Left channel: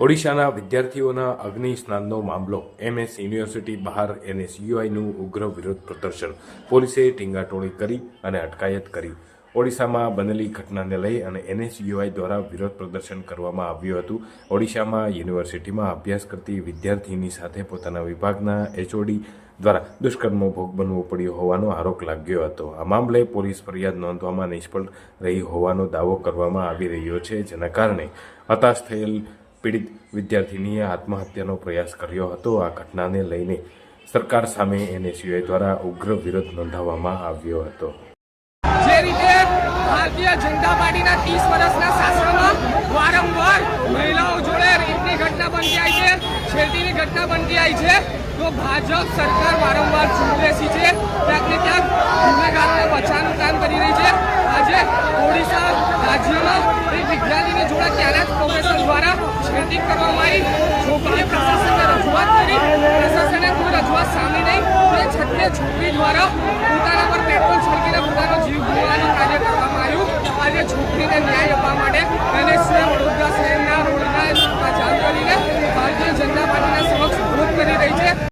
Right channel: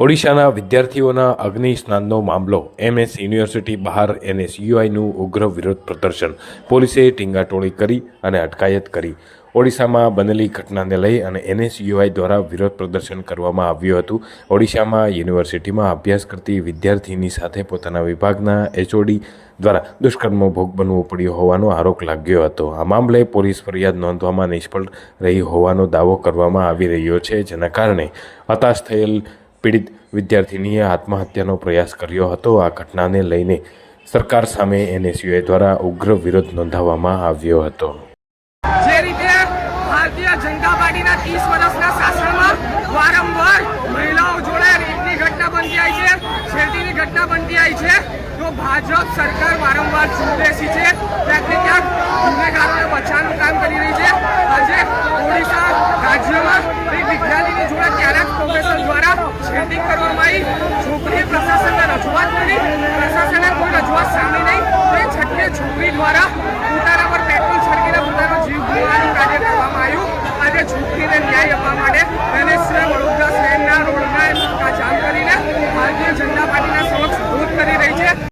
ઓડિશાના વિદ્યાર્થીઓના અગ્નિ સ્નાનનો મામલો એમએસ યુનિવર્સિટી બહાર એનએસયુઆઈનું ઉગ્ર વિરોધ પ્રદર્શન પોલીસે ટીંગાટોળી કરી અને અટકાયત કરી। ઓડિશામાં બનેલી ઘટનાને લઈ અને એનએસયુઆઈ દ્વારા વિરોધ પ્રદર્શન કરવામાં આવ્યું હતું। ઓડિશામાં યુનિવર્સિટીમાં અભ્યાસ કરતી વિદ્યાર્થીની સાથે પોતાના વિભાગના એચઓડી દ્વારા દુષ્કર્મનો ભોગ બનવું પડ્યો હોવાનો આરોપ લાગ્યો હતો। આ મામલે પોલીસ ફરિયાદ નોંધવામાં નિષ્ફળ રહી હોવાનો દાવો કરવામાં આવી રહ્યો છે, જેના કારણે હતાશ થયેલ પીડિત વિદ્યાર્થીનીએ આત્મહત્યાનો પ્રયાસ કર્યો હતો। આ ઘટનાને લઈને સરકાર સામે એનએસયુઆઈ દ્વારા ઉગ્ર વિરોધ નોંધાવવામાં આવ્યો હતો। જે રીતે ભારતીય જનતા પાર્ટીના 30 વર્ષના શાસનમાં વારંવાર મહિલાઓ જોડે રેપની ઘટના બનતી આવી છે, છેડતીની ઘટના બનતી આવી છે, તો ભાજપ સરકાર વારંવાર ચૂપ બેસી છે, ક્યાંક ને ક્યાંક ગુનેગારોને બચાવવાનું કામ કરી રહી છે। આજે ઓડિશા રાજ્યમાં એક વિદ્યાર્થીની જોડે ત્યાંના જ પ્રોફેસર દ્વારા છેડતી કરવામાં આવી। છોકરીએ પ્રશાસનને રજૂઆત કરી, પ્રશાસને કોઈ રજૂઆત સાંભળી નહીં, તે છઠ્ઠે છોકરી દ્વારા પોતાના પર પેટ્રોલ છડકીને પોતાનો જીવ ગુમાવવાનું કાર્ય કરવામાં આવ્યું। આજે છોકરીને ન્યાય આપવા માટે એનએસયુઆઈ વડોદરા શહેરના રોડના જામ કરીને ભારતીય જનતા પાર્ટીના સમક્ષ વિરોધ કરી રહી છે।